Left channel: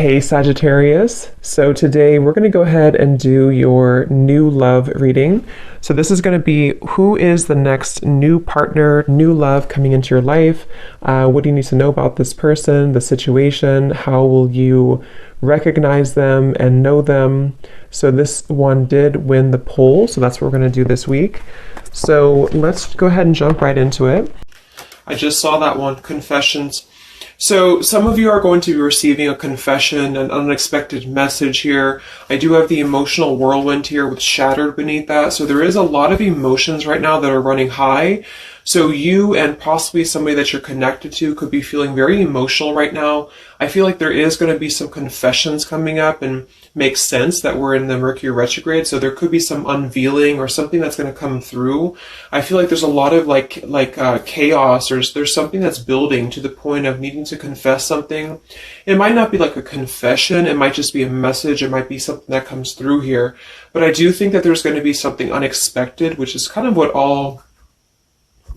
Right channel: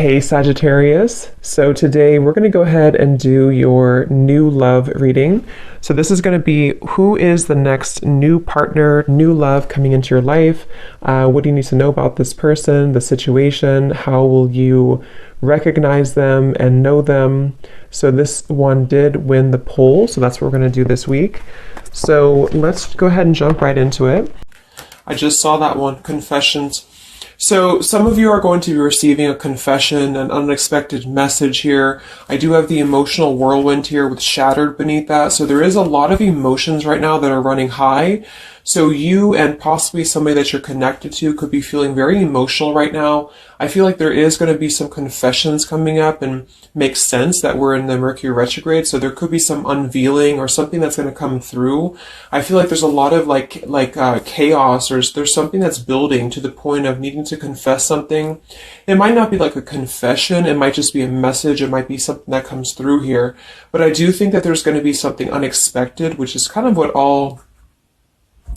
Hey Sagittarius, so today we're going to go ahead and do your new love reading. So this is going to be who is the next new partner, new love coming into your life. What do you need to know about this person, the situation? How will you recognize them and know them? So this one did win the poll, so that's what we're going to do this week. So let's go ahead and jump right into it. I just saw that one, confessions. So some of you are going to be receiving a confession, an unexpected message here. I do have the emotional whirlwind here with shattered beneath that. So there is a lot of emotions right now that are running high. So you and possibly somebody that you're connected to could be feeling very emotional right now. I feel like there is going to be some confessions coming up, and makes sense that we're in the Mercury retrograde. So there could be some unveiling or something that's going to come through. I feel like there's a lot of chaos. There's something that's building to the point of needing to confess something. It might not be like a confession. It might just be a message. It might be something that comes through here. But I do think that there's going to be something unexpected, which is kind of what all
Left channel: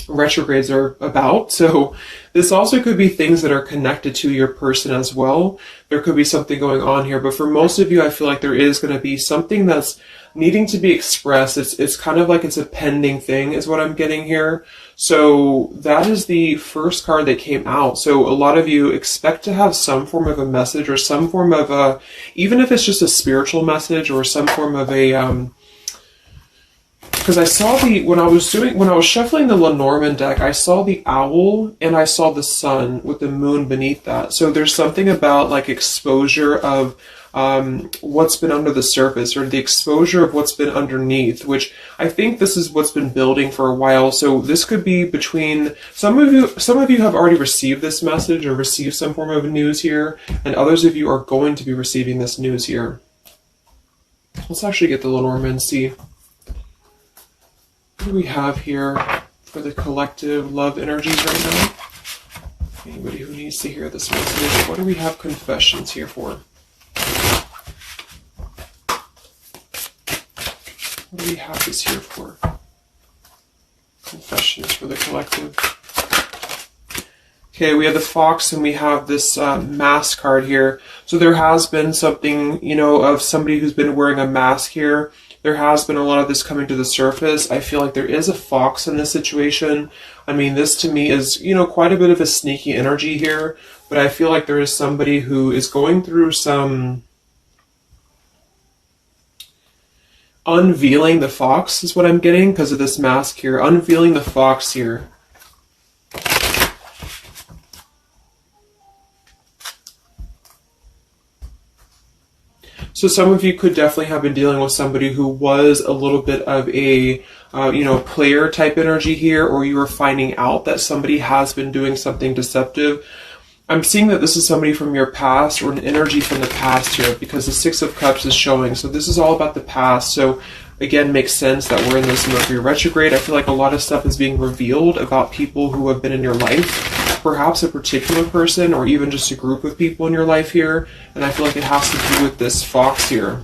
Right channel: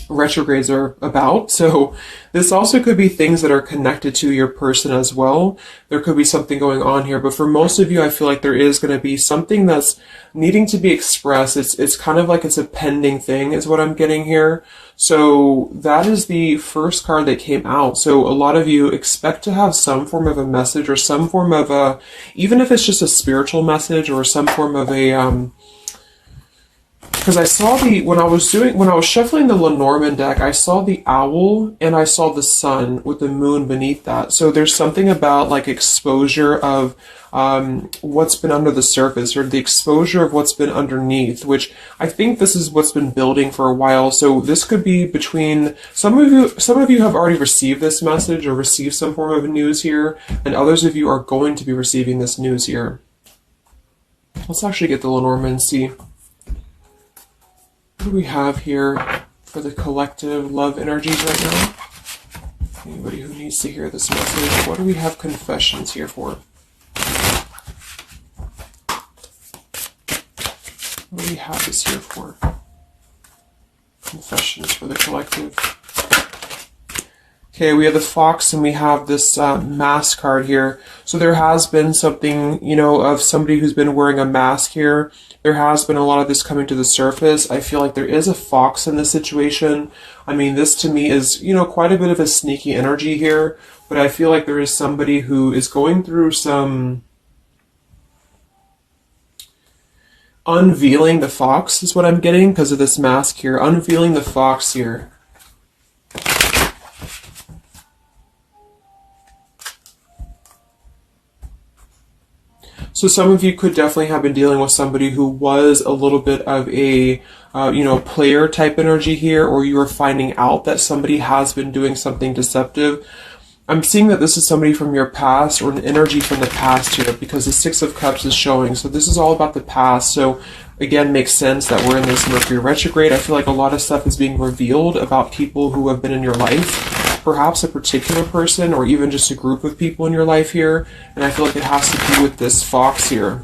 retrogrades are about. So this also could be things that are connected to your person as well. There could be something going on here, but for most of you, I feel like there is going to be something that's needing to be expressed. It's kind of like it's a pending thing is what I'm getting here. So that is the first card that came out. So a lot of you expect to have some form of a message or some form of a, even if it's just a spiritual message or some form of a, because I saw when I was shuffling the Lenormand deck, I saw the owl and I saw the sun with the moon beneath that. So there's something about like exposure of what's been under the surface, or the exposure of what's been underneath, which I think this is what's been building for a while. So this could be between some of you have already received this message or received some form of news here, and others of you are going to be receiving this news here. Let's actually get the Lenormand and see. What do we have here for the collective love energies right now? Anybody who needs to hear this message, what do we have confessions here for? What do we have this here for? Confessions for the collective. Okay, we have the fox and we have this mask card here. So there has been something, of somebody who's been wearing a mask here. There has been a lot of this coming to the surface. I feel like there is a fox in this situation. I mean, this to me is, quite a bit of a sneaky energy here, but I feel like there is somebody who is going through some unveiling the fox is what I'm getting because of this mask here. Unveiling the fox here. So some of you could definitely have been dealing with somebody who was a little bit of a, player type energy here, or you were finding out that somebody has been doing something deceptive. I'm seeing that this is somebody from your past or an energy from the past here, because the Six of Cups is showing. So this is all about the past. So again, makes sense that we're in this Mercury retrograde. I feel like a lot of stuff is being revealed about people who have been in your life. Perhaps a particular person or even just a group of people in your life here. And I feel like it has to do with this fox here.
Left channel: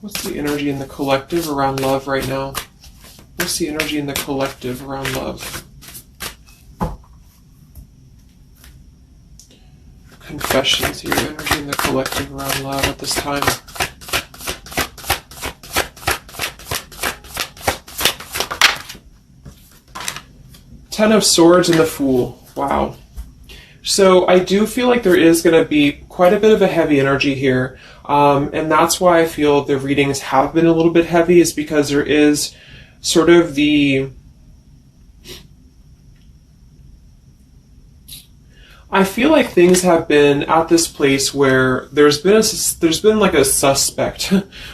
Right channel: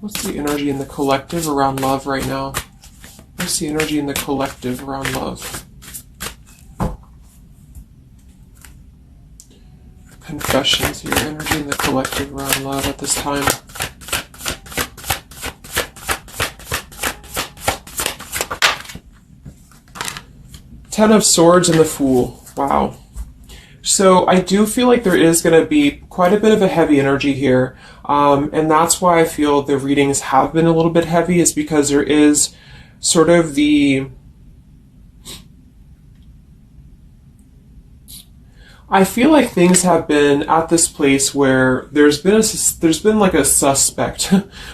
What's the energy in the collective around love right now? What's the energy in the collective around love? Confessions here, energy in the collective around love at this time. Ten of Swords and the Fool. Wow. So I do feel like there is going to be quite a bit of a heavy energy here. And that's why I feel the readings have been a little bit heavy, is because there is sort of the... I feel like things have been at this place where there's been like a suspect,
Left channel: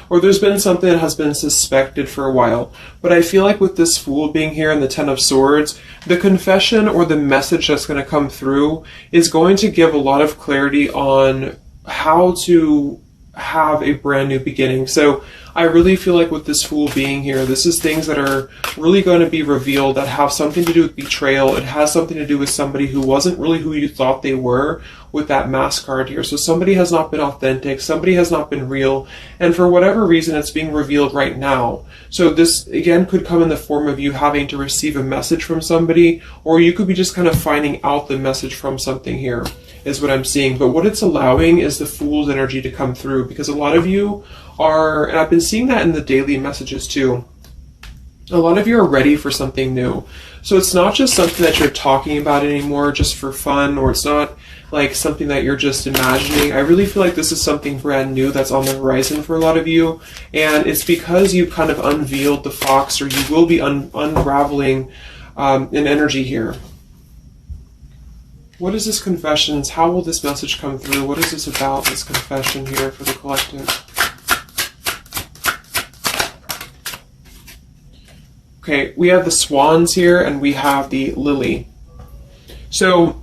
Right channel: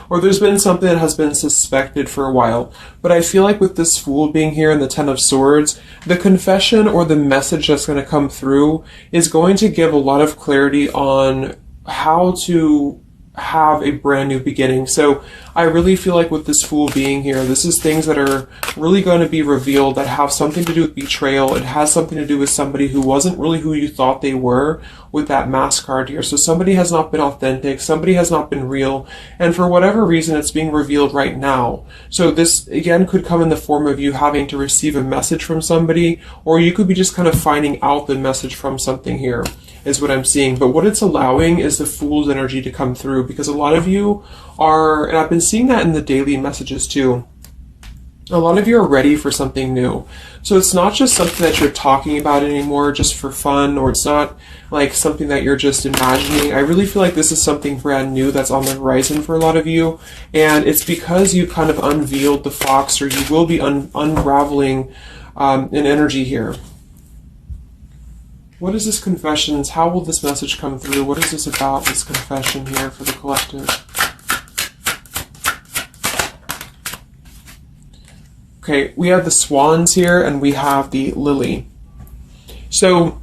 or there's been something that has been suspected for a while. But I feel like with this Fool being here in the Ten of Swords, the confession or the message that's going to come through is going to give a lot of clarity on how to have a brand new beginning. So I really feel like with this Fool being here, this is things that are really going to be revealed that have something to do with betrayal. It has something to do with somebody who wasn't really who you thought they were with that Mask card here. So somebody has not been authentic, somebody has not been real, and for whatever reason it's being revealed right now. So this again could come in the form of you having to receive a message from somebody, or you could be just kind of finding out the message from something here, is what I'm seeing. But what it's allowing is the Fool's energy to come through, because a lot of you are, and I've been seeing that in the daily messages too, a lot of you are ready for something new. So it's not just something that you're talking about anymore just for fun, or it's not like something that you're just imagining. I really feel like this is something brand new that's on the horizon for a lot of you, and it's because you kind of unveiled the fox, or you will be unraveling an energy here. What is this confessions? How will this message come through? What is this about, this confession here for the collective? Okay, we have the swans here and we have the lily. So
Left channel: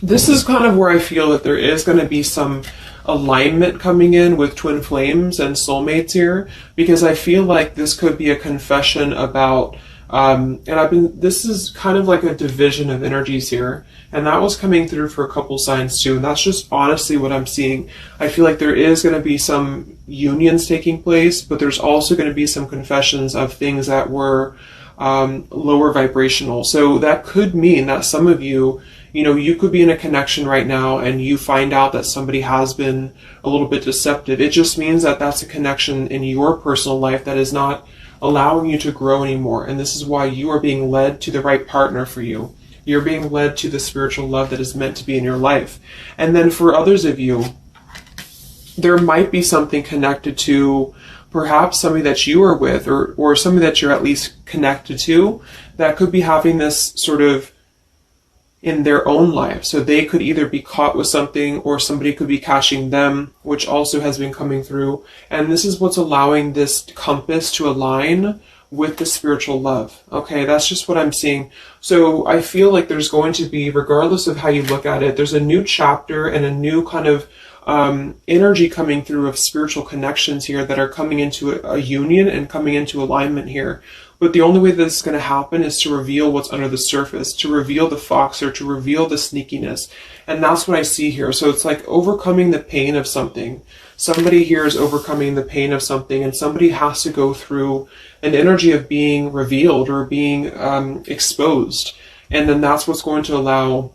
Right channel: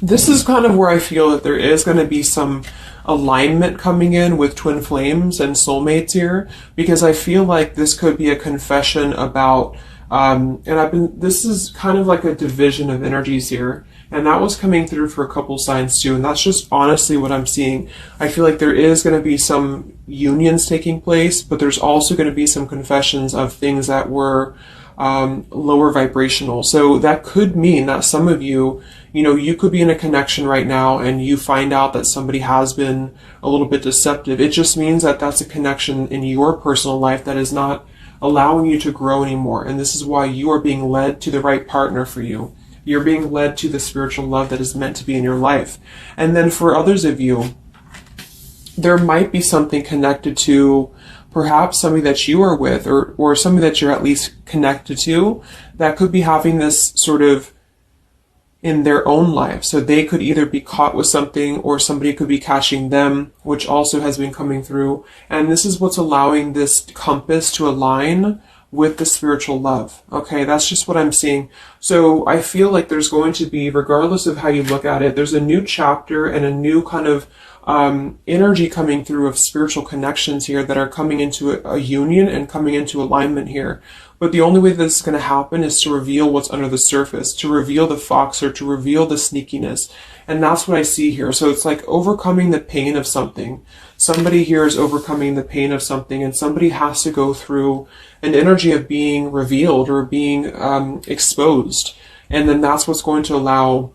this is kind of where I feel that there is going to be some alignment coming in with twin flames and soulmates here, because I feel like this could be a confession about this is kind of like a division of energies here, and that was coming through for a couple signs too, and that's just honestly what I'm seeing. I feel like there is going to be some unions taking place, but there's also going to be some confessions of things that were lower vibrational. So that could mean that some of you, you could be in a connection right now and you find out that somebody has been a little bit deceptive. It just means that that's a connection in your personal life that is not allowing you to grow anymore. And this is why you are being led to the right partner for you. You're being led to the spiritual love that is meant to be in your life. And then for others of you, there might be something connected to perhaps somebody that you are with, or somebody that you're at least connected to, that could be having this sort of in their own life. So they could either be caught with something, or somebody could be catching them, which also has been coming through. And this is what's allowing this compass to align with the spiritual love. Okay, that's just what I'm seeing. So I feel like there's going to be, regardless of how you look at it, there's a new chapter and a new kind of energy coming through of spiritual connections here that are coming into a union and coming into alignment here. But the only way this is going to happen is to reveal what's under the surface, to reveal the fox, or to reveal the sneakiness. And that's what I see here. So it's like overcoming the pain of something. Somebody here is overcoming the pain of something, and somebody has to go through an energy of being revealed or being exposed. And then that's what's going to allow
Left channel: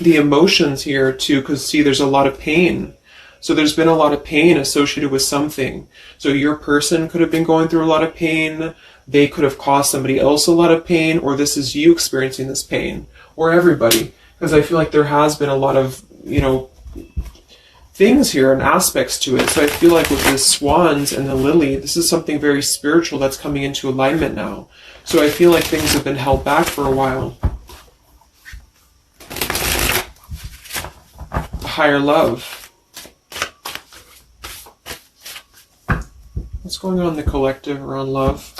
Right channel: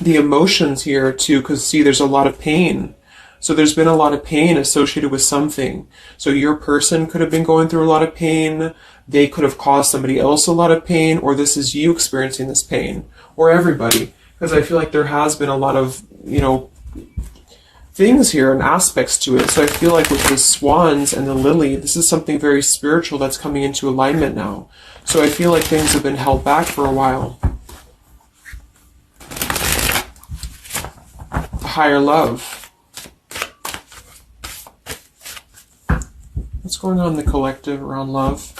the emotions here to, because see, there's a lot of pain. So there's been a lot of pain associated with something. So your person could have been going through a lot of pain. They could have caused somebody else a lot of pain, or this is you experiencing this pain, or everybody. Because I feel like there has been a lot of, things here and aspects to it. So I feel like with the swans and the lily, this is something very spiritual that's coming into alignment now. So I feel like things have been held back for a while. Higher love. What's going on in the collective around love?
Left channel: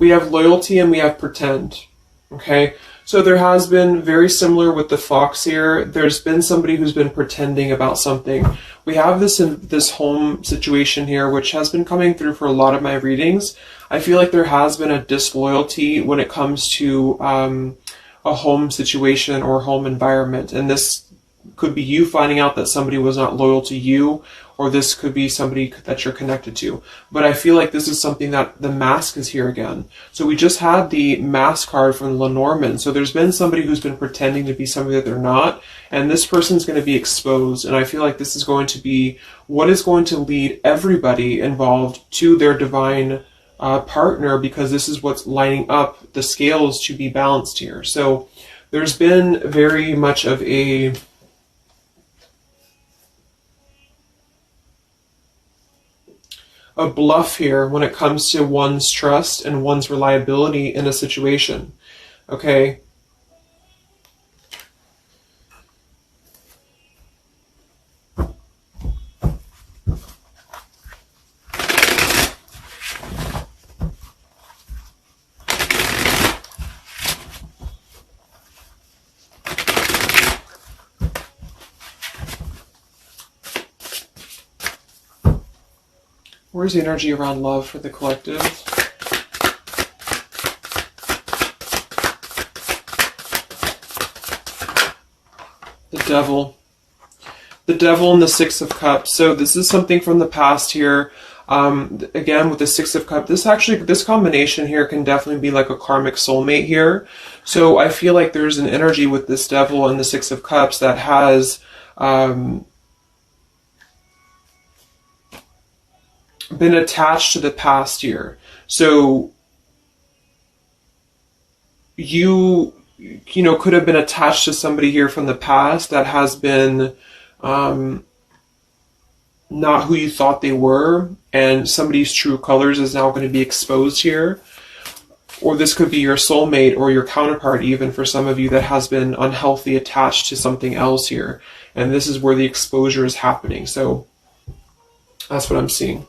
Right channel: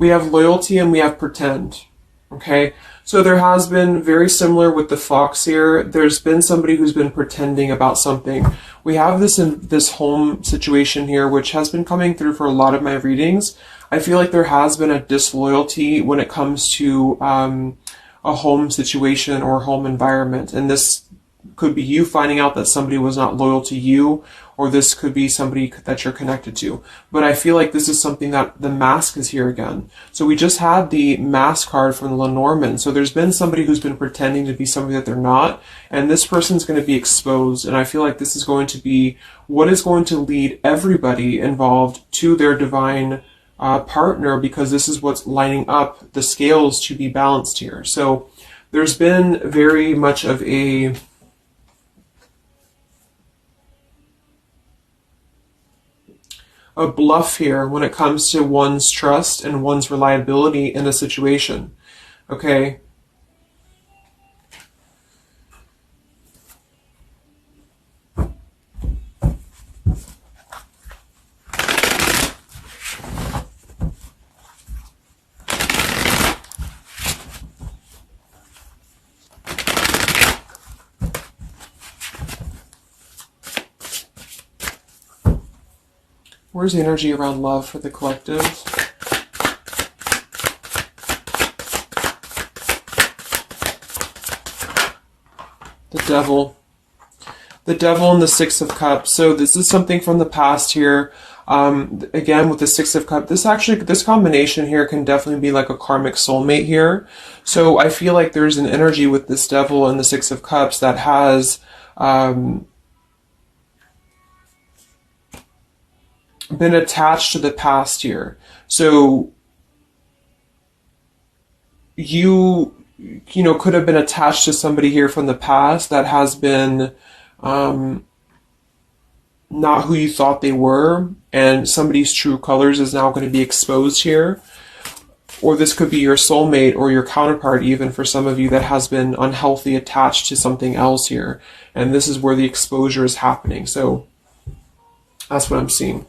We have loyalty and we have pretend. Okay, so there has been, very similar with the fox here, there's been somebody who's been pretending about something. We have this home situation here, which has been coming through for a lot of my readings. I feel like there has been a disloyalty when it comes to a home situation or home environment. And this could be you finding out that somebody was not loyal to you, or this could be somebody that you're connected to. But I feel like this is something that the mask is here again. So we just had the mask card from the Lenormand. So there's been somebody who's been pretending to be somebody that they're not, and this person's going to be exposed. And I feel like this is going to be what is going to lead everybody involved to their divine partner, because this is what's lining up the scales to be balanced here. So there's been very much of a bluff here when it comes to one's trust and one's reliability in a situation. Okay. Where's the energy around love for the collective? The Devil. The Devil and the Six of Cups. So this is something from the past here. Again, with the Six of Cups, this combination here can definitely be like a karmic soulmate here. So I feel like there's an energy with this Devil and the Six of Cups that has been attached to the past here. So you know, could have been attached to somebody here from the past that has been not who you thought they were, and somebody's true colors is now going to be exposed here. Or this could be your soulmate or your counterpart, even for some of you, that has been unhealthy attached to something else here. And this is where the exposure is happening. So that's what I'm seeing.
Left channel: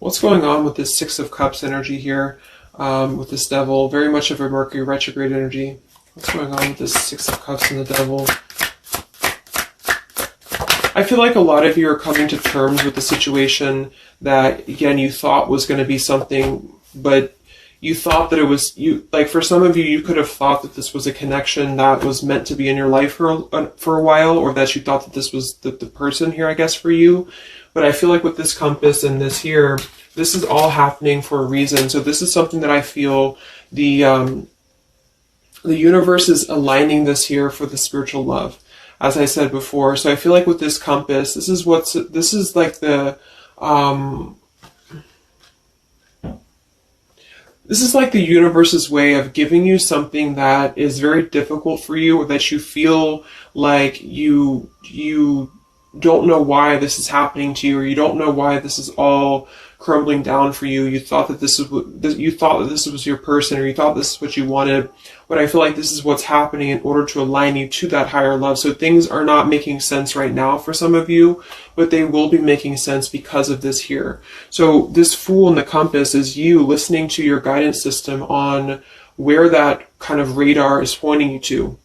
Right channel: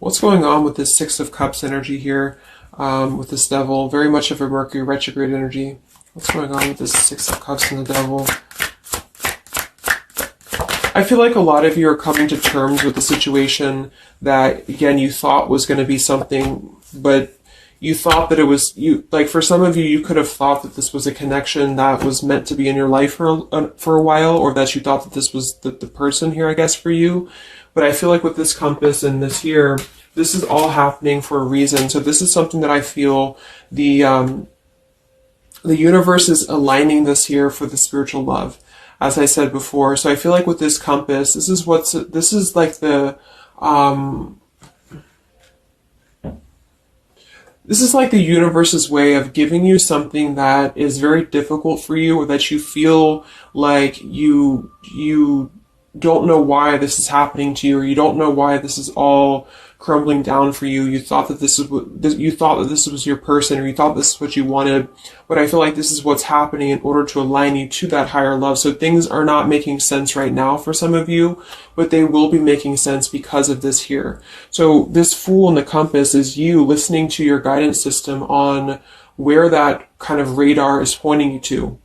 What's going on with this Six of Cups energy here with this Devil? Very much of a Mercury retrograde energy. What's going on with this Six of Cups and the Devil? I feel like a lot of you are coming to terms with the situation that, again, you thought was going to be something, but you thought that it was, like for some of you, you could have thought that this was a connection that was meant to be in your life for a while, or that you thought that this was the person here, I guess, for you. But I feel like with this compass and this here, this is all happening for a reason. So this is something that I feel the universe is aligning this here for the spiritual love, as I said before. So I feel like with this compass, this is like the universe's way of giving you something that is very difficult for you, or that you feel like you don't know why this is happening to you, or you don't know why this is all crumbling down for you. You thought that this was your person, or you thought this is what you wanted. But I feel like this is what's happening in order to align you to that higher love. So things are not making sense right now for some of you, but they will be making sense because of this here. So this Fool in the compass is you listening to your guidance system on where that kind of radar is pointing you to.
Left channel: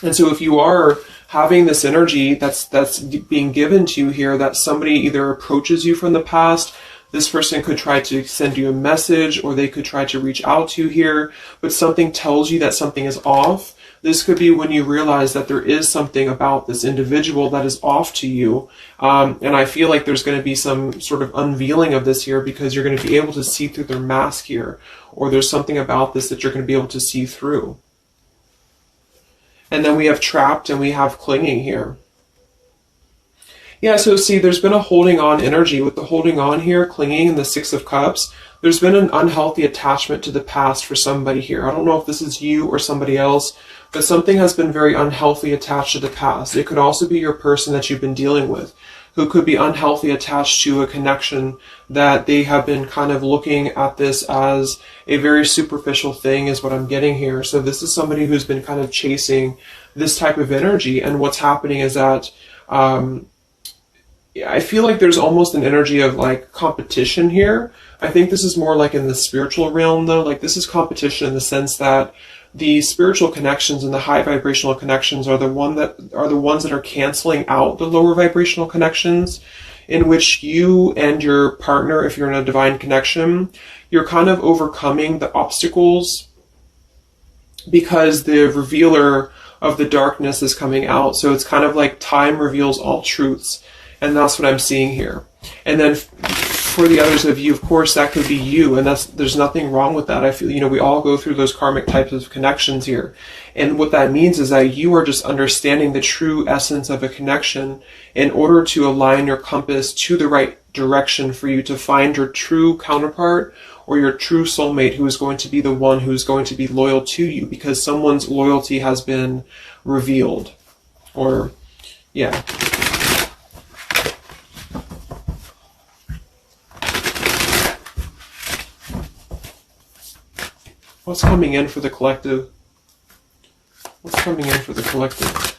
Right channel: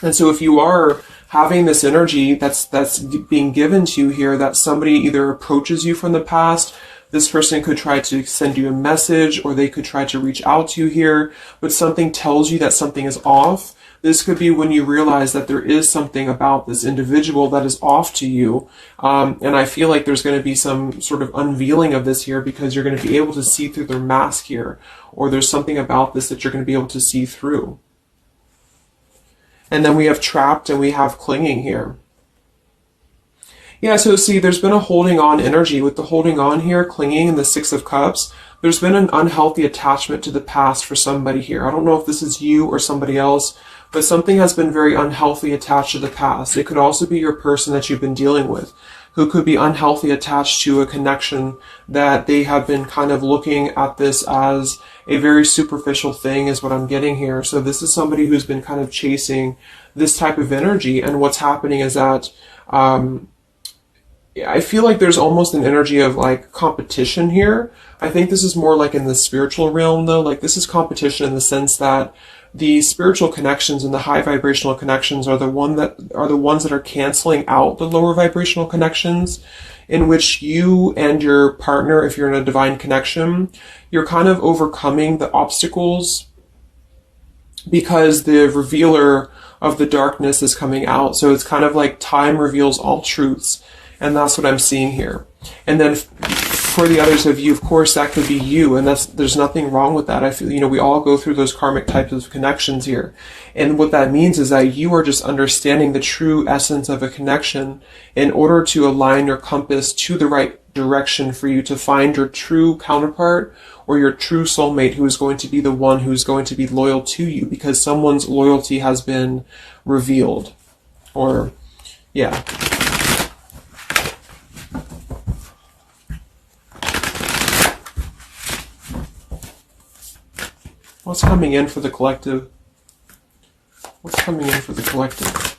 And so if you are having this energy that's being given to you here, that somebody either approaches you from the past, this person could try to send you a message, or they could try to reach out to you here, but something tells you that something is off. This could be when you realize that there is something about this individual that is off to you. And I feel like there's going to be some sort of unveiling of this here, because you're going to be able to see through their mask here, or there's something about this that you're going to be able to see through. And then we have trapped and we have clinging here. Yeah, so see, there's been a holding on energy with the holding on here, clinging, and the Six of Cups. There's been an unhealthy attachment to the past for somebody here. I don't know if this is you or somebody else, but something has been very unhealthy attached to the past. It could also be your person that you've been dealing with, who could be unhealthy attached to a connection that they have been kind of looking at this as a very superficial thing, is what I'm getting here. So this is somebody who's been kind of chasing this type of energy, and what's happening is that I feel like there's almost an energy of like competition here. I think this is more like in the spiritual realm though. Like this is competition in the sense that the spiritual connections and the high vibrational connections are the ones that are canceling out the lower vibrational connections, in which you and your partner, if you're in a divine connection, you're kind of overcoming the obstacles because the revealer of the darkness is coming out. So it's kind of like time reveals all truths. And that's what I'm seeing here. And then for the others of you, of course, that could be you. And there's nothing wrong with that. I feel, we all go through those karmic types of connections here. And what that means is that you are just understanding the true essence of a connection in order to align your compass to the right direction for you to find your true counterpart or your true soulmate, who is going to be the one who is going to be loyal to you, because someone's loyalty has been revealed. Or, yeah. What's coming in for the collective? What's coming in for the collective?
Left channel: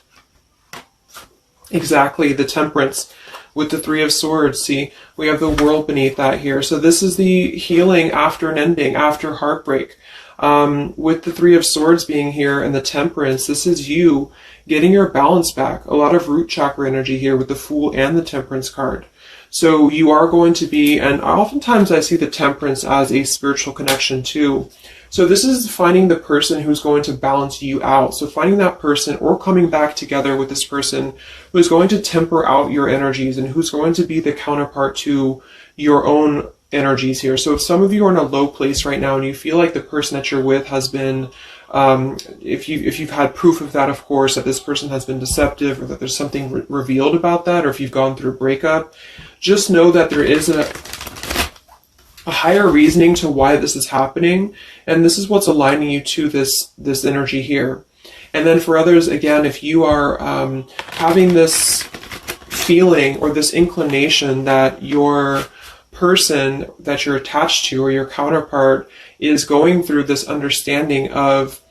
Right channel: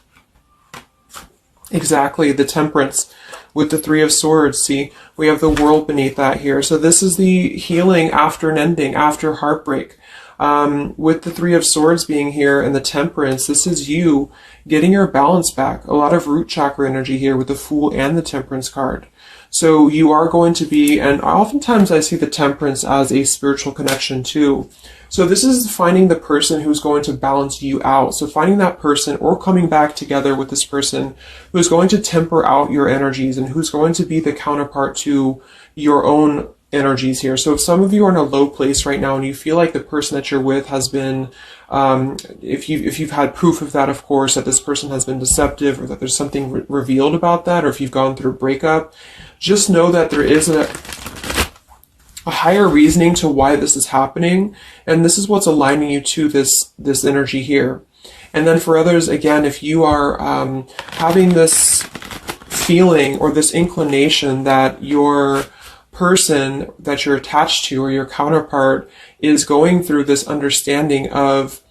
Exactly, the Temperance with the Three of Swords. See, we have the World beneath that here. So this is the healing after an ending, after heartbreak. With the Three of Swords being here and the Temperance, this is you getting your balance back. A lot of root chakra energy here with the Fool and the Temperance card. So you are going to be, and oftentimes I see the Temperance as a spiritual connection too. So this is finding the person who's going to balance you out. So finding that person or coming back together with this person who's going to temper out your energies and who's going to be the counterpart to your own energies here. So if some of you are in a low place right now and you feel like the person that you're with has been, if you've had proof of that, of course, that this person has been deceptive or that there's something revealed about that, or if you've gone through a breakup, just know that there is a higher reasoning to why this is happening, and this is what's aligning you to this energy here. And then for others, again, if you are having this feeling or this inclination that your person that you're attached to or your counterpart is going through this understanding of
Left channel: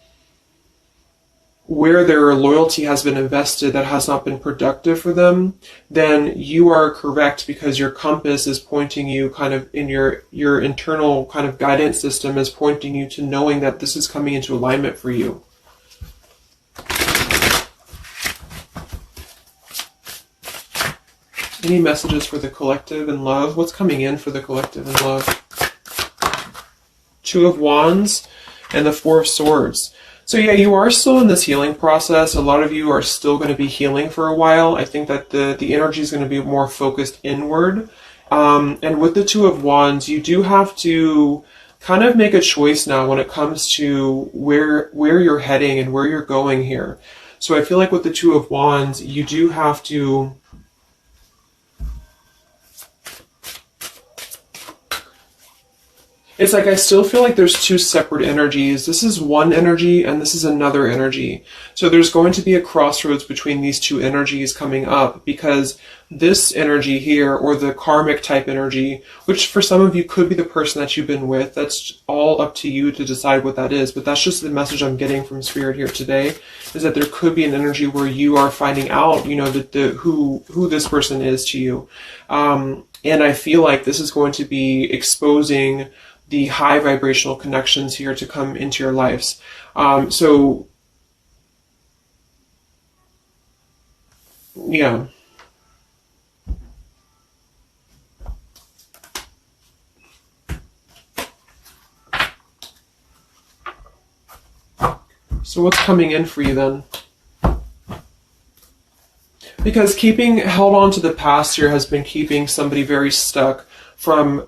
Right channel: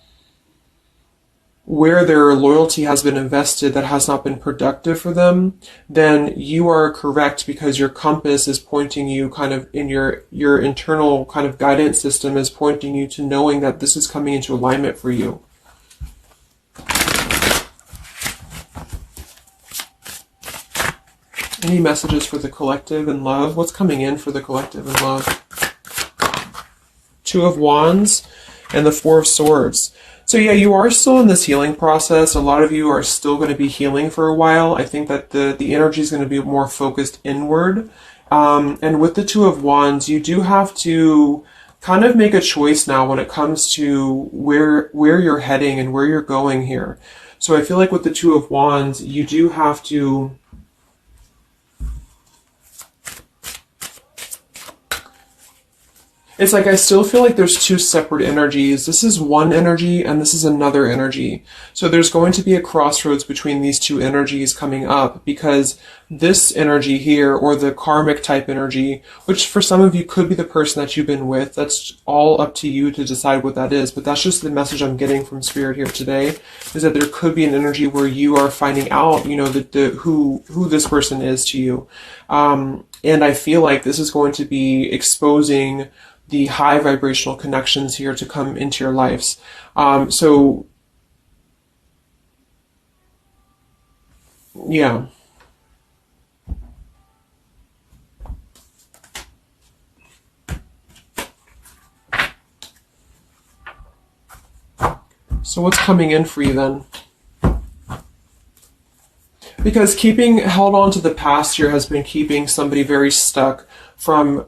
where their loyalty has been invested that has not been productive for them, then you are correct, because your compass is pointing you kind of in your internal kind of guidance system is pointing you to knowing that this is coming into alignment for you. Any messages for the collective and love? What's coming in for the collective and love? Two of Wands and the Four of Swords. So yeah, you are still in this healing process. A lot of you are still going to be healing for a while. I think that the energy is going to be more focused inward. And with the Two of Wands, you do have to kind of make a choice now when it comes to where you're heading and where you're going here. So I feel like with the Two of Wands, you do have to it's like I still feel like there's two separate energies. This is one energy and this is another energy. So there's going to be a crossroads between these two energies coming up, because this energy here, or the karmic type energy, which for some of you could be the person that you've been with, that's all up to you to decide what that is. But that's just the message I'm getting from Spirit here today, is that there could be an energy where you are finding out, you know, who this person is to you. And I feel like this is going to be exposing the high vibrational connections here to come into your lives. So yeah. So what's coming in for you then? Because keeping held on to the past here has been keeping somebody very stuck from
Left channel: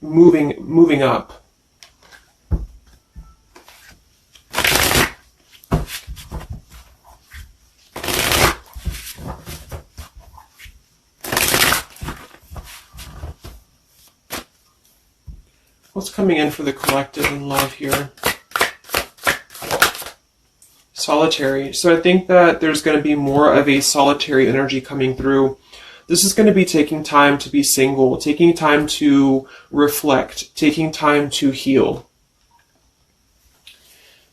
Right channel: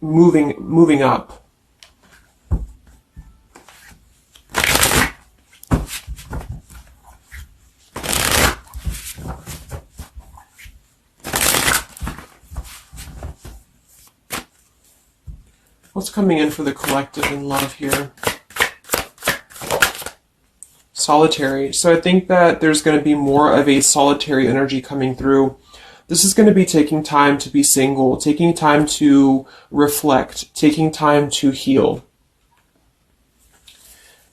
moving up. What's coming in for the collective and love here? Solitary. So I think that there's going to be more of a solitary energy coming through. This is going to be taking time to be single, taking time to reflect, taking time to heal.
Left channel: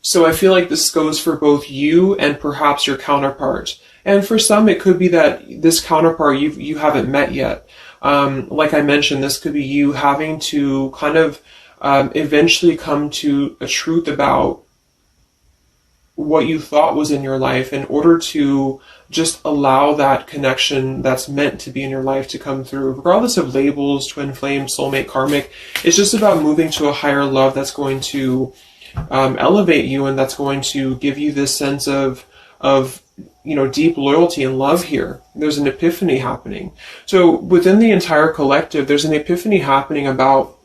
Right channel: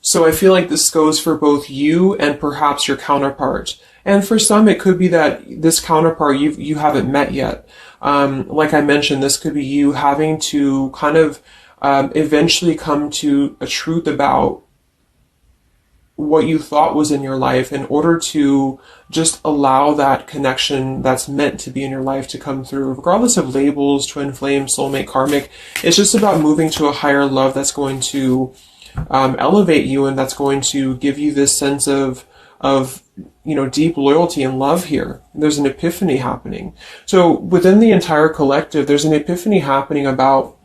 So I feel like this goes for both you and perhaps your counterpart. And for some, it could be that this counterpart you haven't met yet. Like I mentioned, this could be you having to kind of eventually come to a truth about what you thought was in your life in order to just allow that connection that's meant to be in your life to come through, regardless of labels, twin flame, soulmate, karmic. It's just about moving to a higher love that's going to elevate you, and that's going to give you this sense of you know, deep loyalty and love here. There's an epiphany happening. So within the entire collective, there's an epiphany happening about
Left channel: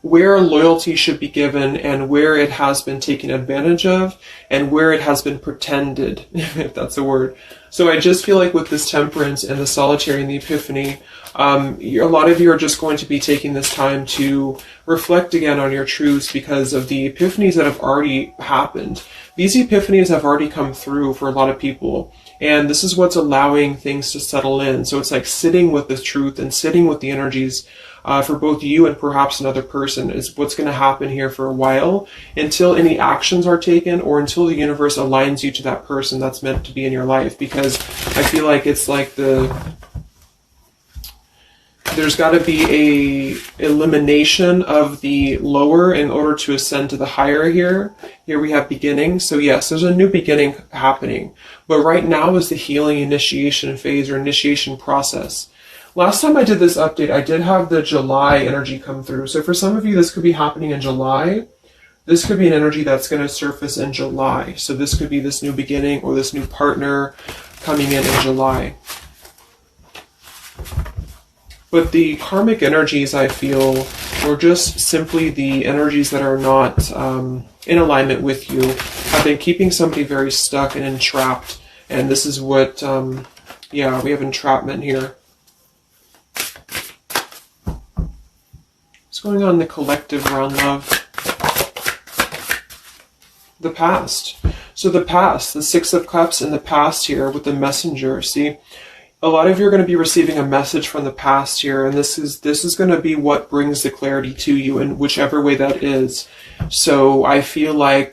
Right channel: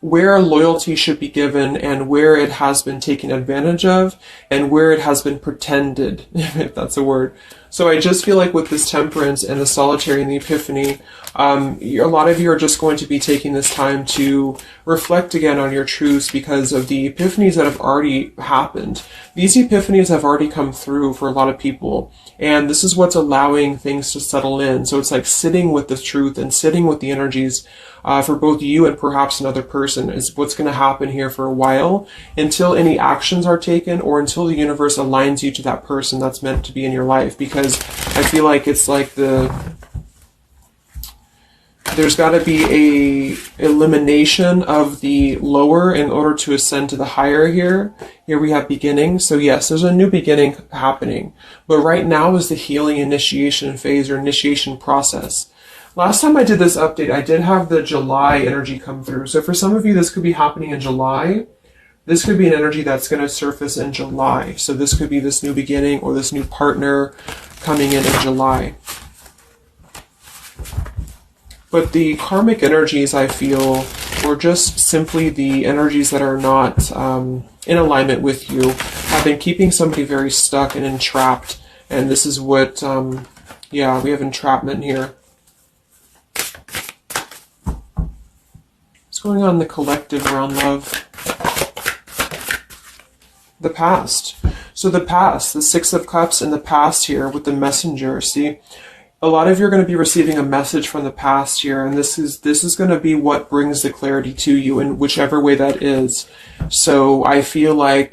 where loyalty should be given and where it has been taken advantage of and where it has been pretended, if that's a word. So I just feel like with this temperance and the solitary and the epiphany, a lot of you are just going to be taking this time to reflect again on your truths because of the epiphanies that have already happened. These epiphanies have already come through for a lot of people, and this is what's allowing things to settle in. So it's like sitting with the truth and sitting with the energies for both you and perhaps another person is what's going to happen here for a while, until any actions are taken or until the universe aligns you to that person that's meant to be in your life. Because I feel like it's like there's got to be a elimination of the lower in order to ascend to the higher here. Here we have beginning. So yes, there's a new beginning happening. But right now is the healing initiation phase or initiation process. Last time I did this update, I did have the July energy come through. So for some of you, this could be happening in July. This could be an energy that's going to surface in July. So this could be this new beginning or this new partner coming in July. But the karmic energies, I feel, were just simply the energies that are not in alignment with you, have been keeping somebody very stuck and entrapped. And this is what, yeah, we have entrapment here. What's going on in the collective around love? The past. So the past, the Six of Cups in the past here with the messenger, see? A lot of you are going to be receiving a message from the past here, and this is going to be what brings the clarity to you in whichever way that is. So I feel like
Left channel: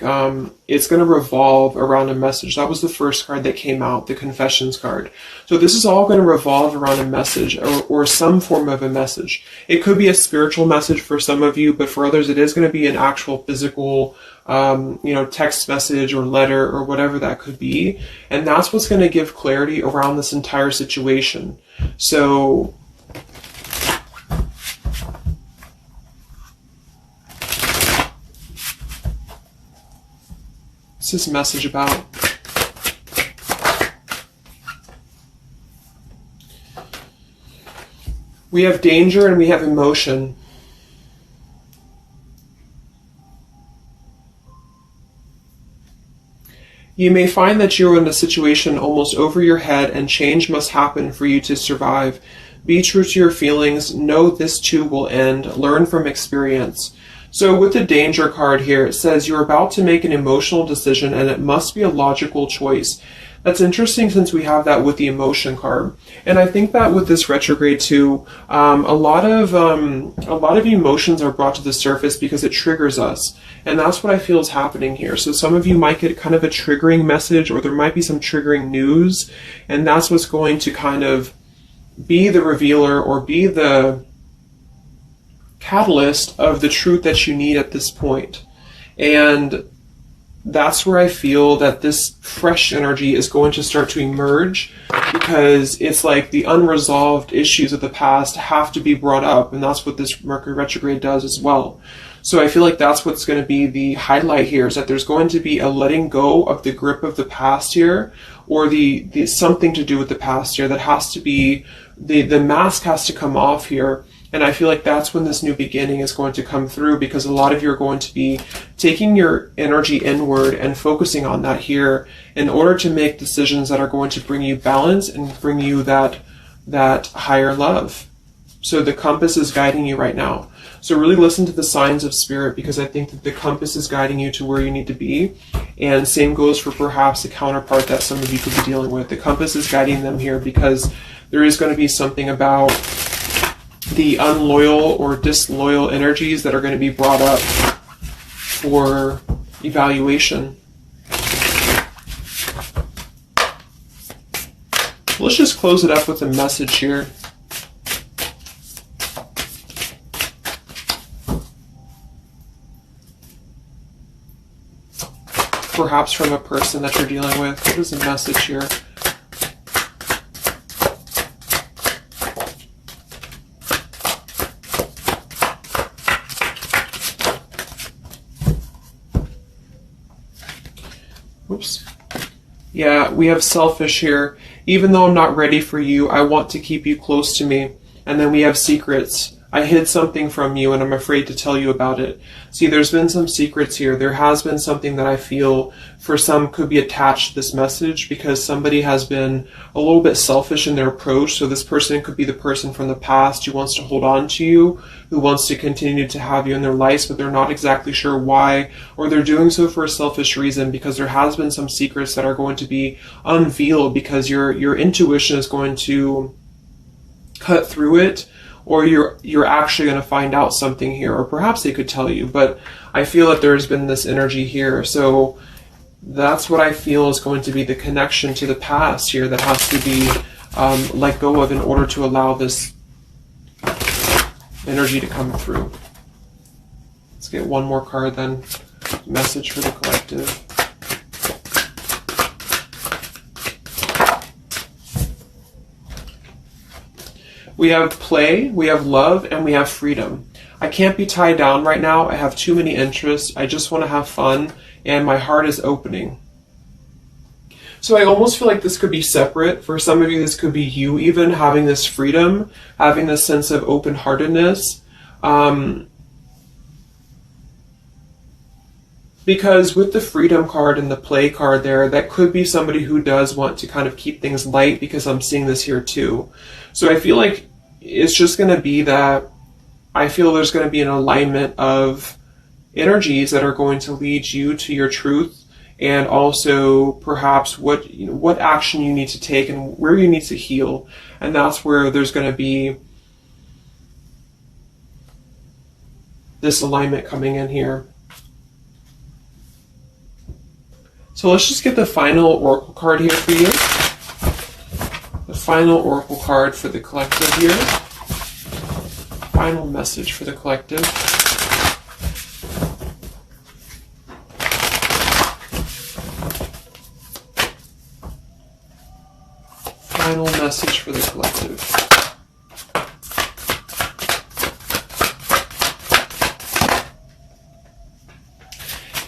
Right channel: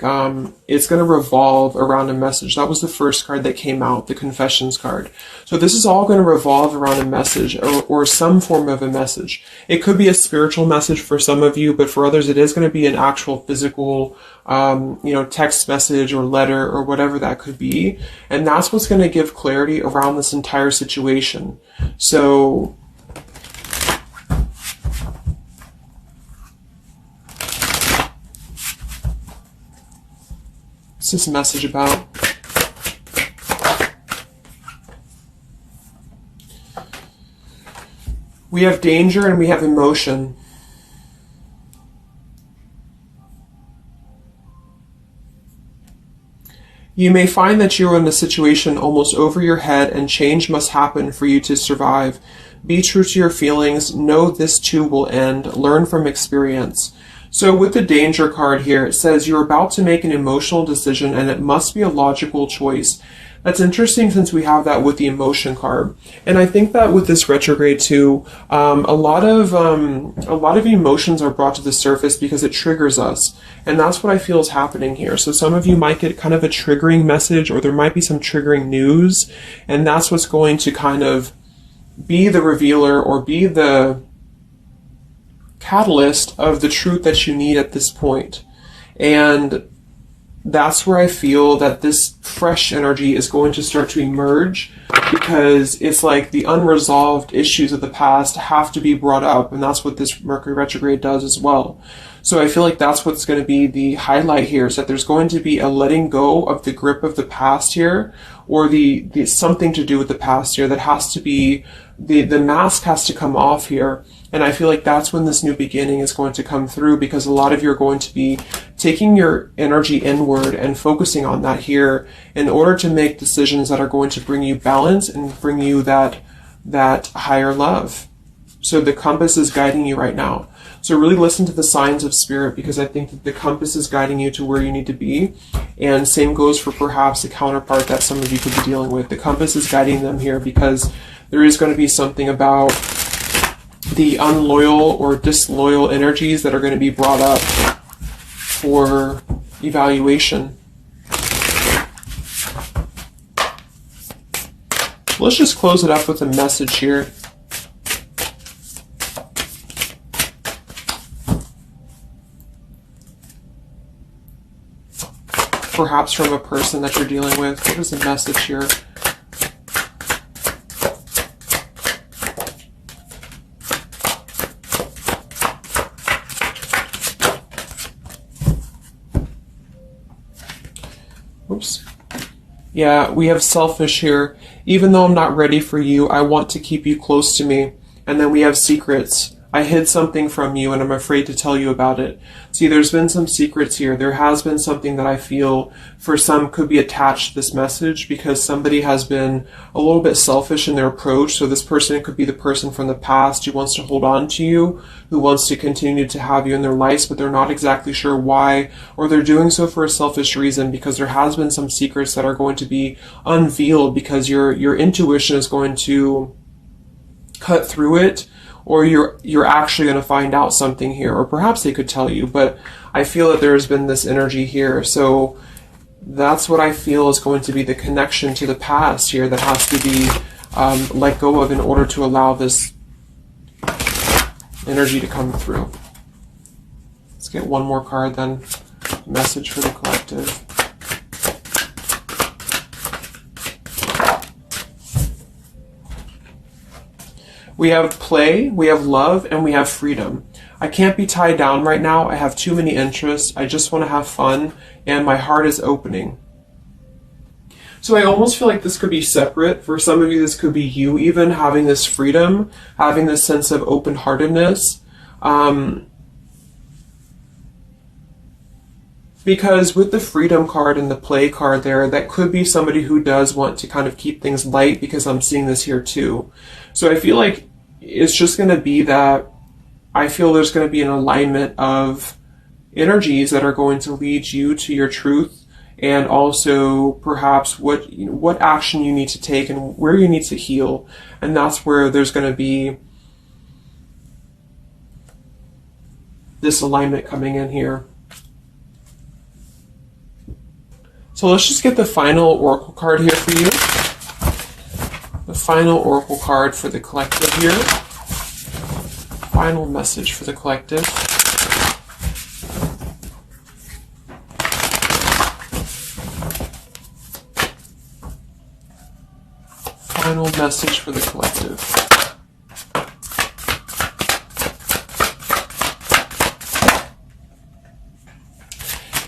it's going to revolve around a message. That was the first card that came out, the Confessions card. So this is all going to revolve around a message or some form of a message. It could be a spiritual message for some of you, but for others it is going to be an actual physical text message or letter or whatever that could be. And that's what's going to give clarity around this entire situation. So what's this message about? We have danger and we have emotion. You may find that you are in a situation almost over your head and change must happen for you to survive. Be true to your feelings. Know this too will end. Learn from experience. So with the danger card here, it says you're about to make an emotional decision and it must be a logical choice. That's interesting since we have that with the emotion card. And I think that with this retrograde too, a lot of emotions are brought to the surface because it triggers us. And that's what I feel is happening here. So some of you might get kind of a triggering message, or there might be some triggering news. And that's what's going to kind of be the revealer or be the catalyst of the truth that you need at this point. And that's where I feel that this fresh energy is going to start to emerge, because it's like the unresolved issues of the past have to be brought up, and that's what this Mercury retrograde does as well. So I feel like that's what's going to be the highlight here, is that there's going to be a letting go of the grip of the past here, or the something to do with the past here that has to be, the mask has to come off here. And I feel like that's when this new beginning is going to come through, because a lot of you are going to be taking your energy inward and focusing on that here in order to make decisions that are going to bring you balance and bring you that higher love. So the compass is guiding you right now. So really listen to the signs of spirit, because I think that the compass is guiding you to where you need to be. And same goes for perhaps a counterpart that some of you could be dealing with. The compass is guiding them here because there is going to be something about the unloyal or disloyal energies that are going to be brought up for evaluation. Let's just close it up with a message here. Perhaps from a person that you're dealing with. What is the message here? Oops. Yeah, we have selfish here. Even though I'm not ready for you, I want to keep you close to me. And then we have secrets. I hid something from you and I'm afraid to tell you about it. See, there's been some secrets here. There has been something that I feel for some could be attached to this message, because somebody has been a little bit selfish in their approach. So this person could be the person from the past who wants to hold on to you, who wants to continue to have you in their lives, but they're not exactly sure why, or they're doing so for a selfish reason, because there has been some secrets that are going to be unveiled, because your intuition is going to cut through it, or you're actually going to find out something here, or perhaps they could tell you, but I feel that there's been this energy here. So that's what I feel is going to be the connection to the past here that has to be let go of in order to allow this energy to come through. Let's get one more card then. Message for the collective. We have play, we have love, and we have freedom. I can't be tied down right now. I have too many interests. I just want to have fun, and my heart is opening. So I almost feel like this could be separate. For some of you, this could be you even having this freedom, having this sense of open-heartedness. Because with the freedom card and the play card there, that could be somebody who does want to kind of keep things light, because I'm seeing this here too. So I feel like it's just going to be that I feel there's going to be an alignment of energies that are going to lead you to your truth, and also perhaps what action you need to take and where you need to heal. And that's where there's going to be this alignment coming in here. So let's just get the final oracle card here for you. The final oracle card for the collective here. Final message for the collective. Final message for the collective.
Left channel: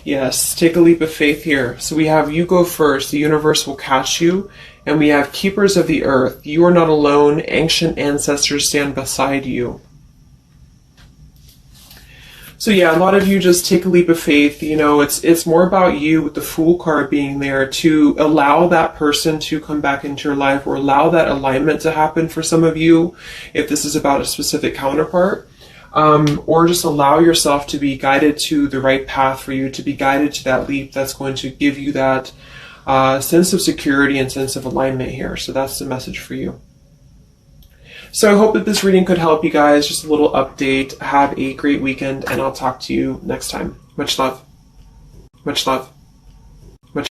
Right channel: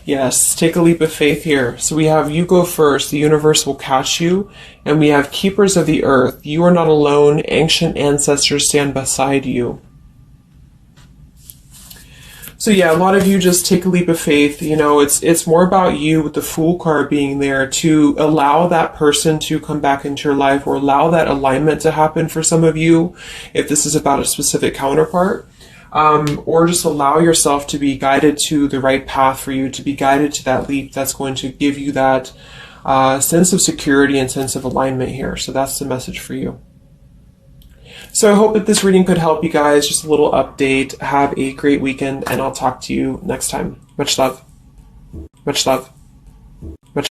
Yes, take a leap of faith here. So we have you go first, the universe will catch you. And we have keepers of the earth. You are not alone. Ancient ancestors stand beside you. So yeah, a lot of you just take a leap of faith. You know, it's more about you with the Fool card being there to allow that person to come back into your life, or allow that alignment to happen for some of you, if this is about a specific counterpart. Or just allow yourself to be guided to the right path for you, to be guided to that leap that's going to give you that sense of security and sense of alignment here. So that's the message for you. So I hope that this reading could help you guys. Just a little update. Have a great weekend, and I'll talk to you next time. Much love. Much love.